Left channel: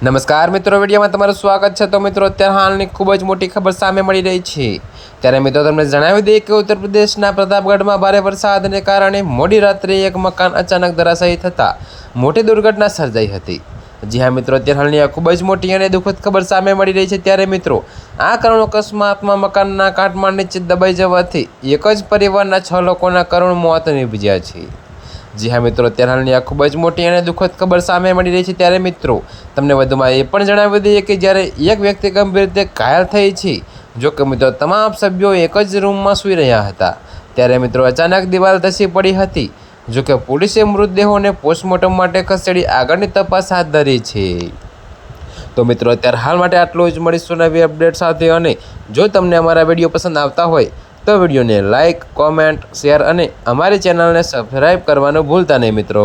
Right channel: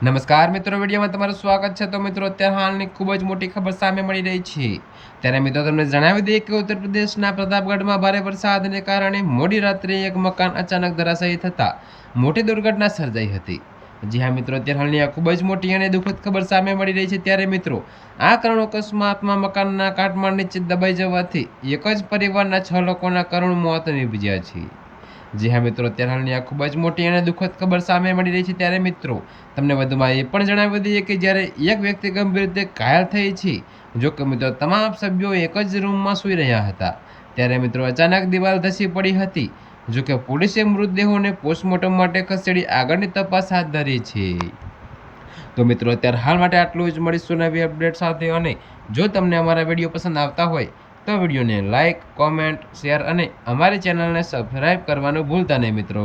નમસ્કાર મિત્રો, વિડીયોમાં તમારું સ્વાગત છે। તો મિત્રો, અત્યારે હાલની ખૂબ જ મોટી ખબર સામે મળી રહી છે। ત્યારે મિત્રો તમને જણાવી દઈએ કે ઉત્તર પ્રદેશના પ્રતાપગઢમાં ભારે વરસાદને કારણે મોડી રાત્રે એક મકાન અચાનક ધરાશાયી થતાં મોટી દુર્ઘટના સર્જાઈ હતી। જી હા મિત્રો, અત્યારે હાલની આ ખૂબ જ મોટી અને દુઃખદ ખબર સામે મળી રહી છે। ત્યારે મિત્રો, આ કરુણ અકસ્માતમાં મકાનના કાટમાળ નીચે દબાઈ જવાથી એક જ પરિવારના 6 લોકોના કરુણ મોત નીપજ્યા છે। જી હા મિત્રો, અત્યારે હાલની આ ખૂબ જ મોટી અને દુઃખદ ખબર સામે મળી રહી છે। ત્યારે મિત્રો, તમને વધુમાં એ પણ જણાવી દઈએ કે જ્યારે એક વ્યક્તિ ગંભીર રીતે ઘાયલ થઈ છે। જો કે મિત્રો, તમામ સભ્યો એક જ રૂમમાં સૂઈ રહ્યા હતા ત્યારે મિત્રો અચાનક દિવાલ ધસી પડી હતી। જો કે પોલીસે મૃતદેહોને પોસ્ટમોર્ટમ માટે ખસેડી આગળની તપાસ હાથ ધરી છે। તો મિત્રો, અત્યારે હાલ માટે આટલું જ। મળીશું નવી અપડેટ સાથે। અને જો તમને અમારા વિડીયો પસંદ આવતા હોય તો વિડીયોને લાઇક, કોમેન્ટ, શેર અને અમારી ચેનલને સબસ્ક્રાઈબ કરવાનું ભૂલતા નહીં મિત્રો।